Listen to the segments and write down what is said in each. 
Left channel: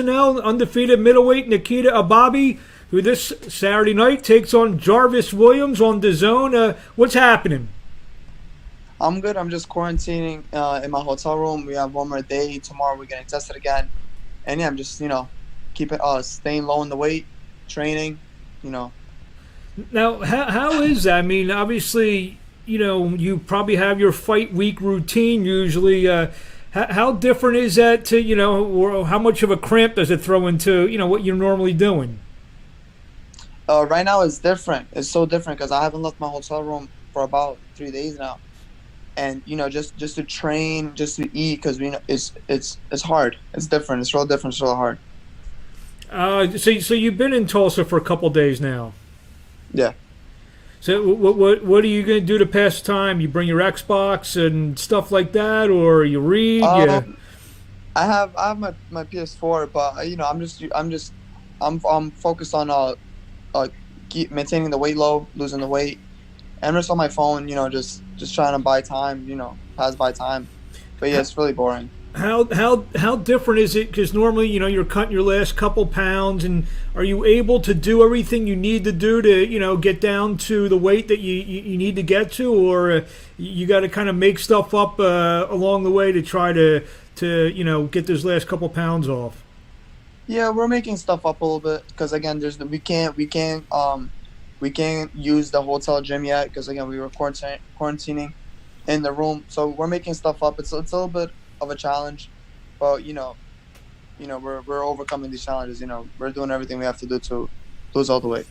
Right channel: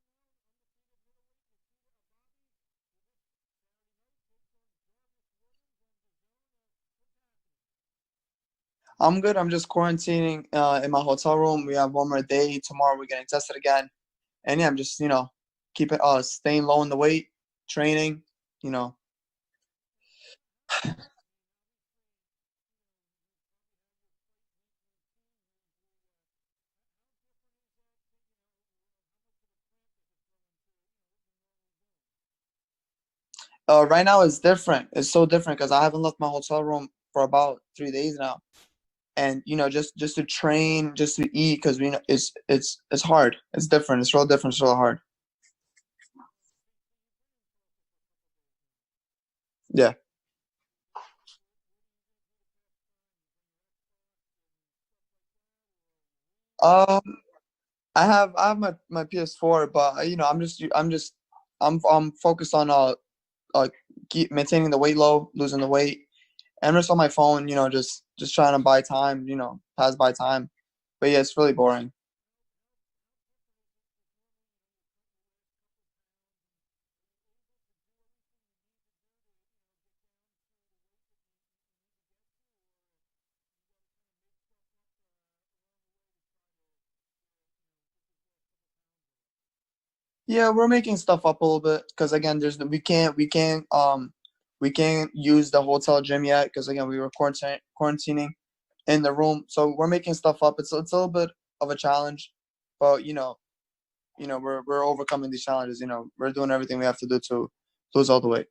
personnel, undefeated middleweight Nikita Ababiy, who this Saturday night takes on Jarvis Williams on DAZN. What's happening? I'm good. I'm just quarantining in my hotel room. We have one more day. Tomorrow we're getting tested again. And yeah, I'm just, keeping staying low in the weight, training, Now, how is that? I mean, obviously, you probably have your fight week routine usually. How different is that to, or how much of a cramp does it throw into, what you're normally doing? Right now it's different. It's so different because I haven't left my hotel room for about 3 days now. And, just to train, just to eat, because it's hard. It's different. It's real different. It's real hard. So you've been in Tulsa for a couple days now. Yeah. So what are you going to do to pass time? You bring your Xbox and stuff like that, or you read? I have my PS4, but I'm focused on keep maintaining the weight low, losing the weight, and just on my phone. Just trying to buy time. Pass by time. But yeah, it's really boring. How different is it? Because normally, you're cutting your last couple pounds, and are you able to do everything you need to do to, get down to the weight that you need to get to, or you got to kind of make stuff up along the way to try to get those last couple pounds off? Yeah, we're making stuff up a little bit because again, we can't use the hotel gym yet because again we were quarantining in the room, so we're making stuff up. It's a little bit of a challenge, but we're overcoming these challenges. We're doing everything we have to do to lose all the weight.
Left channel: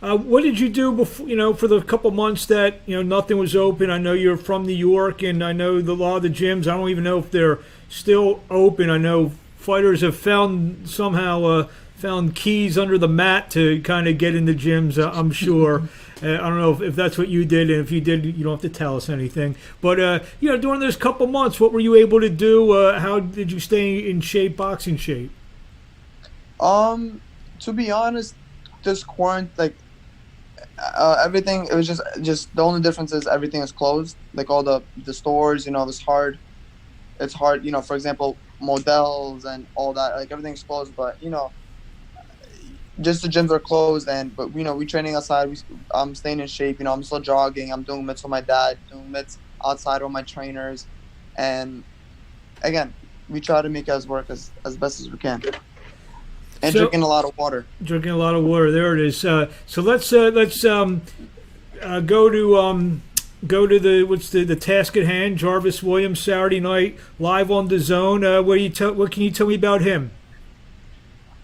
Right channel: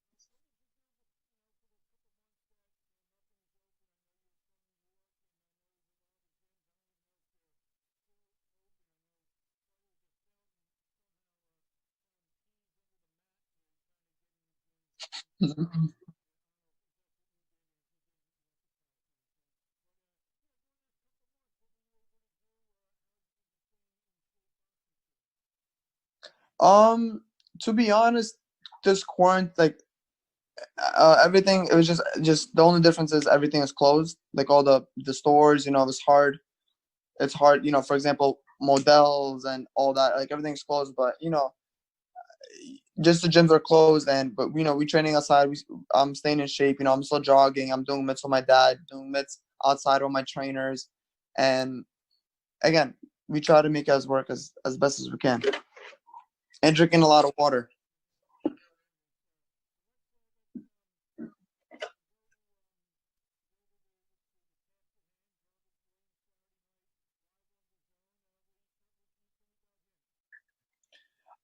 What did you do before, for the couple months that nothing was open? I know you're from New York, and I know a lot of the gyms, I don't even know if they're still open. I know fighters have found keys under the mat to kind of get in the gyms, I'm sure. I don't know if that's what you did, and if you did, you don't have to tell us anything. But, during those couple months, what were you able to do? How did you stay in shape, boxing shape? To be honest, this quarantine, everything, it was just the only difference is everything is closed. Like all the stores, it's hard. It's hard, for example, models and all that, like everything's closed, but, just the gyms are closed, but we training outside. I'm staying in shape. I'm still jogging. I'm doing mitts with my dad, doing mitts outside with my trainers, and again, we try to make us work as best as we can. And drinking a lot of water. Drinking a lot of water. There it is. So let's go to the task at hand. Jarvis Williams Saturday night live on DAZN. What can you tell me about him?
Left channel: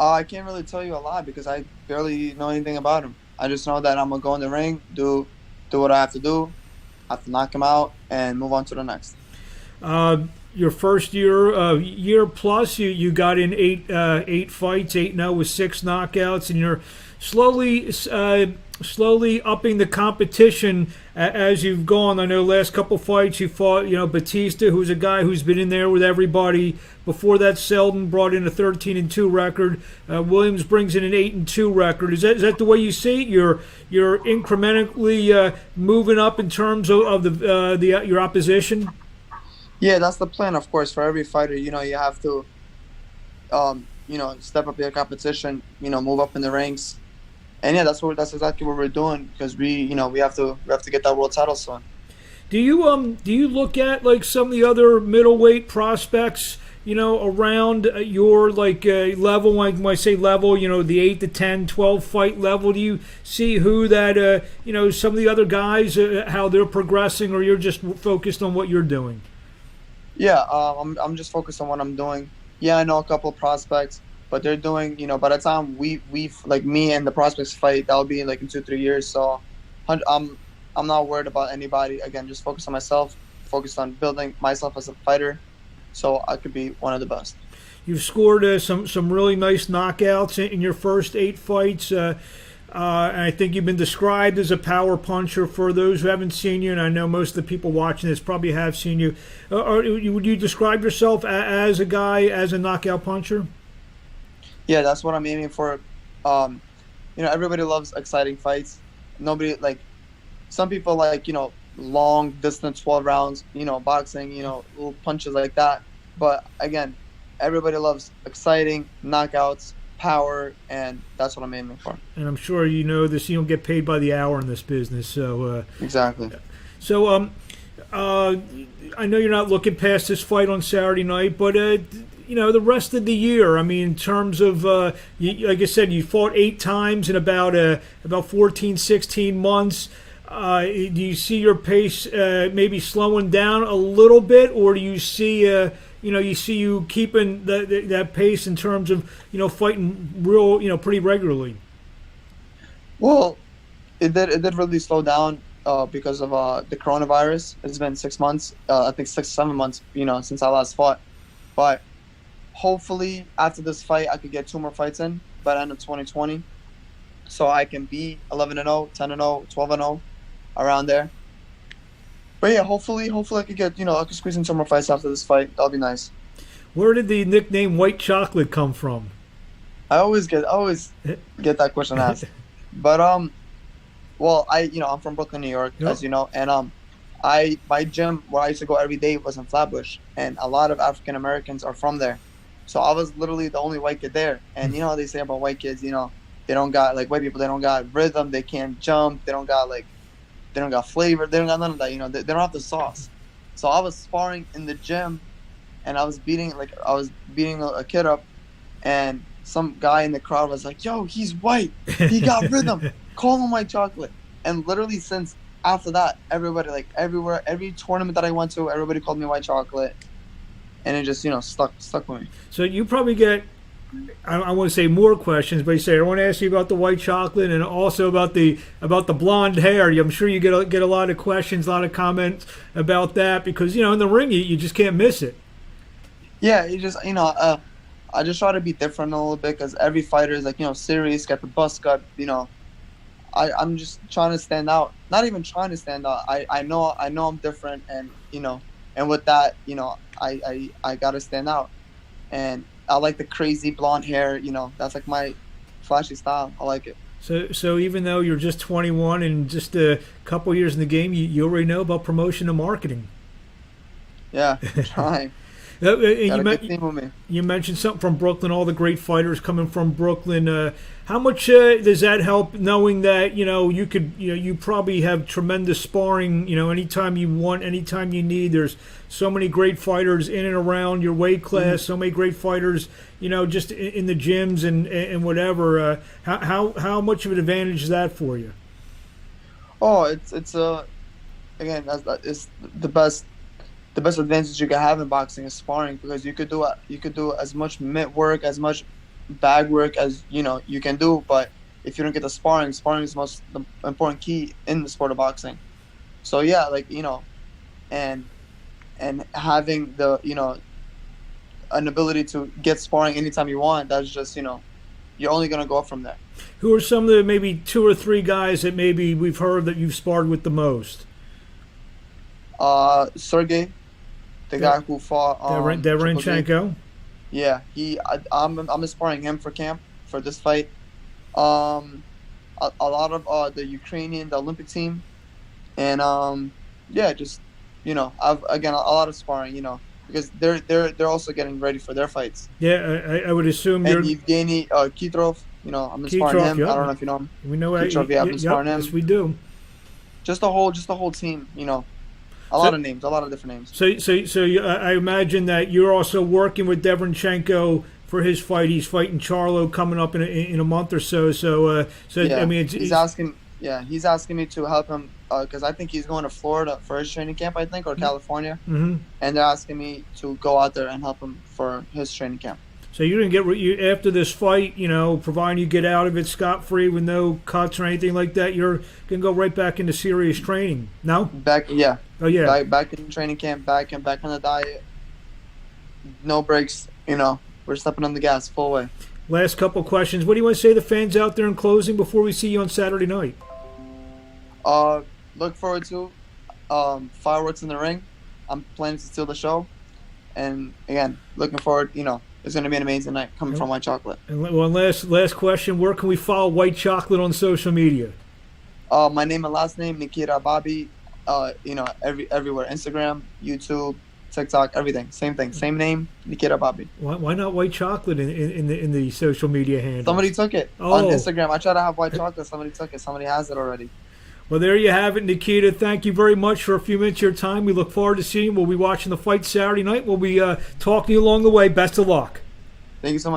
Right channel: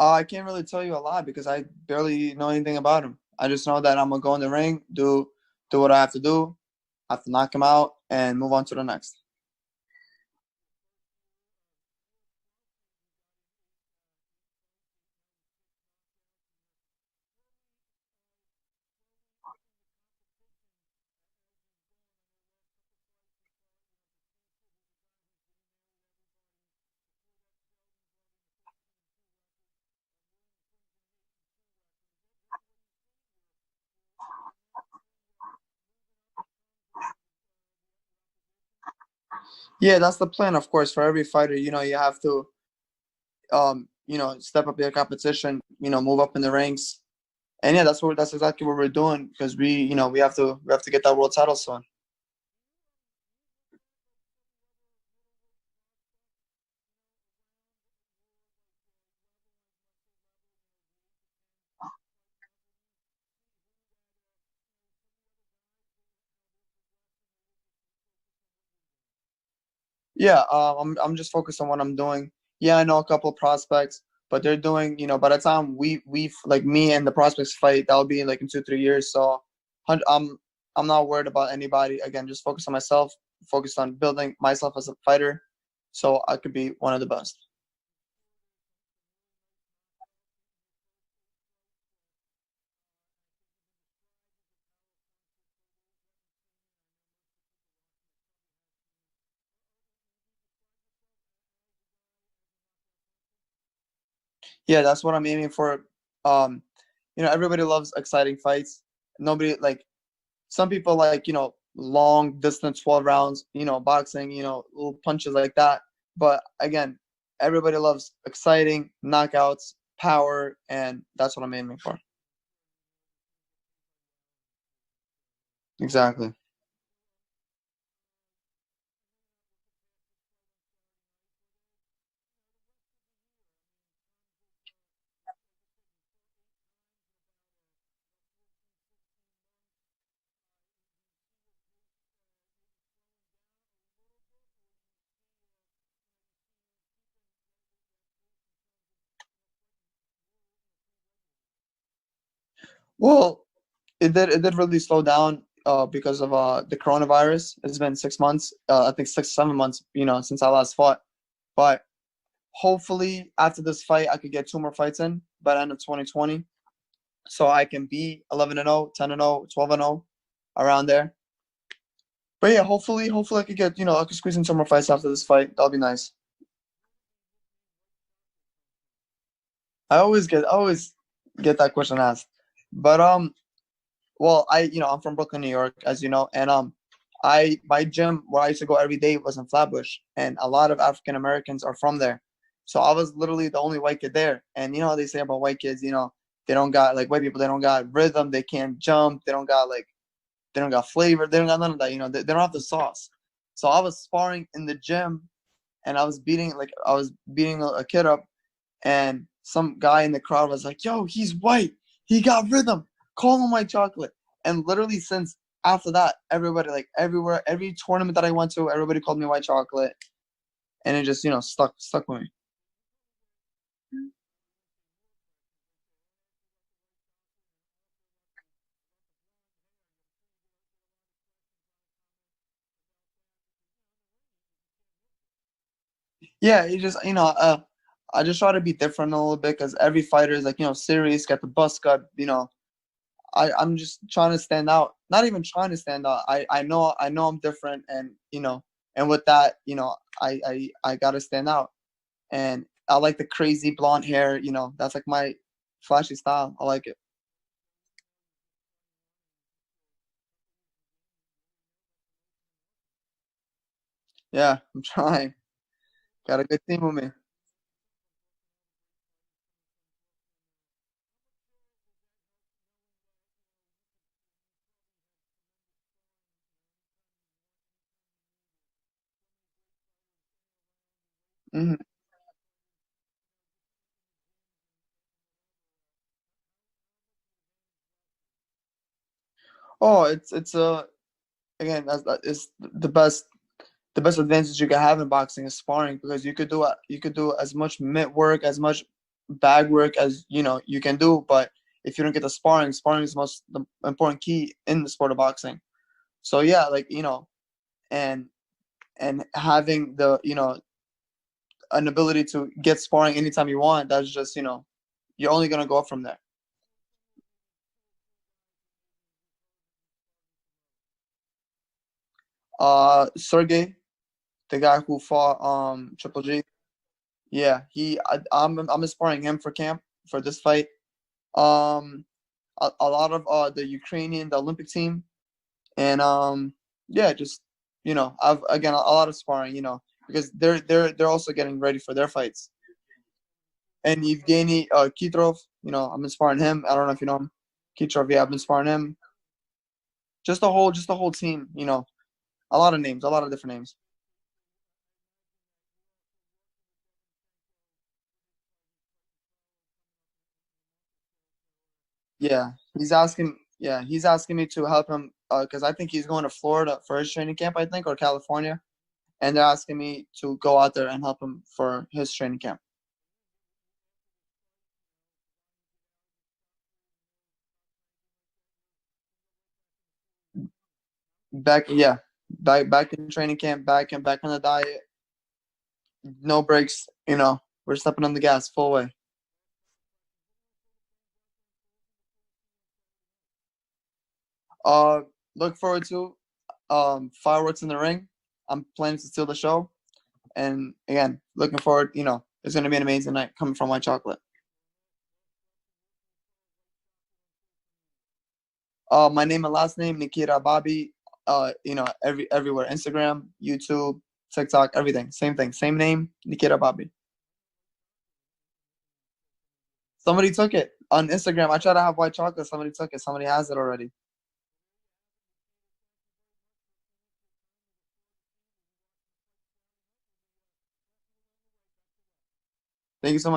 I can't really tell you a lot because I barely know anything about him. I just know that I'm gonna go in the ring, do what I have to do, have to knock him out, and move on to the next. Your first year plus, you got in eight fights, 8-0 with 6 knockouts, and you're slowly upping the competition as you've gone. I know last couple fights you fought, Batista, who's a guy who's been in there with everybody. Before that, Selden brought in a 13-2 record. Williams brings in an 8-2 record. Is that the way you see it? You're incrementally moving up in terms of your opposition. Yeah, that's the plan. Of course, for every fighter, you have to, step up your competition. Move up in the ranks. And yeah, that's exactly what we're doing because we have to get that world title soon. Do you look at like some of the other middleweight prospects, around your level? When I say level, the 8 to 10, 12 fight level. Do you see who that some of the other guys how they're progressing, or you're just focused on what you're doing? Yeah, I'm just focused on what I'm doing. Yeah, I know a couple of prospects. But they're doing, by the time we like me and the prospects fight, that'll be in 2-3 years. So I'm not worried about anybody. Again, just focus on myself, focus on building myself as a fighter so I could be one of the best. You've scored some really nice knockouts in your first 8 fights. And I think you've been described as a power puncher. For those who haven't seen you, and I know most of the people watching this probably have seen you, would you describe yourself as a guy, as a knockout puncher? Yeah, that's what I'm aiming for. Everybody loves exciting fights. Nobody some people long distance 12 rounds, boxing, little punches like that. But again, everybody loves exciting knockouts, power, and that's what I'm aiming for. And I'm sure you know this. You don't get paid by the hour in this business, so Exactly. So I know you're not looking past this fight on Saturday night, but you know, the rest of the year. I mean, in terms of like I said, you fought 8 times in about 14, 16 months. Do you see your pace maybe slowing down a little bit, or do you see you keeping that pace in terms of, you know, fighting real, you know, pretty regularly? Well, it did really slow down because of the coronavirus. It's been 6 months, I think 6-7 months, you know, since I last fought. But hopefully after this fight, I could get 2 more fights in by the end of 2020, so I can be 11-0, 10-0, 12-0, around there. But yeah, hopefully I could get, you know, I could squeeze in 2 more fights after this fight. That'll be nice. Where did the nickname White Chocolate come from? I always get that question asked. But well, I'm from Brooklyn, New York, Yep. as you know, and my gym where I used to go every day was in Flatbush, and a lot of African Americans are from there. So I was literally the only white kid there. And you know how they say about white kids, you know, they don't got, like, white people, they don't got rhythm, they can't jump, they don't got flavor, they don't got none of that, you know, they don't have the sauce. So I was sparring in the gym, and I was beating a kid up, and some guy in the crowd was like, "Yo, he's white, he got rhythm, call him White Chocolate." And literally since after that, everybody, like, everywhere, every tournament that I went to, everybody called me White Chocolate, and it just, you know, stuck with me. So you probably get, I want to say more questions, but you say I want to ask you about the white chocolate and also about the blonde hair. I'm sure you get a lot of questions, a lot of comments about that, because, you know, in the ring you just can't miss it. Yeah, you just, you know, I just try to be different a little bit, because every fighter is, like, you know, serious, got the buzz cut, you know. I'm just trying to stand out. Not even trying to stand out. I know I'm different, and, you know, and with that, you know, I gotta stand out. And I like the crazy blonde hair, you know, that's like my flashy style. I like it. So even though you're just 21 and just a couple years in the game, you already know about promotion and marketing. Yeah, I'm trying. Got a good team with me. You mentioned something from Brooklyn, all the great fighters coming from Brooklyn. How much does that help, knowing that, you know, you probably have tremendous sparring, you know, anytime you want, anytime you need. There's so many great fighters in and around your weight class, so many great fighters, you know, just in the gyms and whatever. How much of an advantage is that for you? Oh, it's again, it's the best advantage you can have in boxing is sparring, because you could do as much mitt work, as much bag work as, you know, you can do, but if you don't get the sparring is the important key in the sport of boxing. So yeah, like, you know, and having the, you know, an ability to get sparring anytime you want, that's just, you know, you're only going to go up from there. Who are some of the maybe 2 or 3 guys that maybe we've heard that you've sparred with the most? Sergey, the guy who fought Derenchenko. Yeah, I'm sparring him for camp for this fight. A lot of the Olympic team, and yeah, just, you know, I've again a lot of sparring, you know, because they're also getting ready for their fights. Yeah, I would assume. And Evgeny Kitrov, you know, I'm sparring him. Yeah. I don't know if you know him. We know Kitrov. Yeah, I've been sparring him. Yes, we do. Just the whole team, you know. A lot of names, a lot of different names. So I imagine that you're also working with Derenchenko for his fight. He's fighting Charlo coming up in a month or so. So yeah, I mean, he's asking me to help him because I think he's going to Florida for his training camp, I think, or California, and they're asking me to go out there and help him for his training camp. So you didn't get after this fight, you know, providing you get out of it scot-free with no cuts or anything like that, you're gonna go right back into serious training. No? Yeah. Oh yeah. Back in training camp, back on the diet. No breaks. You know, we're stepping on the gas full way. Last couple questions. What do you want to say to the fans out there in closing before we see you on Saturday night? Look forward to fireworks in the ring. I'm planning to steal the show, and again, looking forward. You know, it's going to be an amazing night coming from White Chocolate. And one last question. Where can we follow White Chocolate on social media? My name and last name, Nikita Ababiy. You know, everywhere. Instagram, YouTube, TikTok, everything. Same thing. Same name, Nikita Ababiy. Why not white chocolate in the social media handle? Somebody took it on Oh. Instagram. I try to have white chocolate. Somebody took it. Somebody has it already. Well, there you have it, Nikita. Thank you very much for a few minutes of your time. We look forward to seeing you. We'll be watching the fight Saturday night. We'll be talking to you along the way. Best of luck. Thank you so much.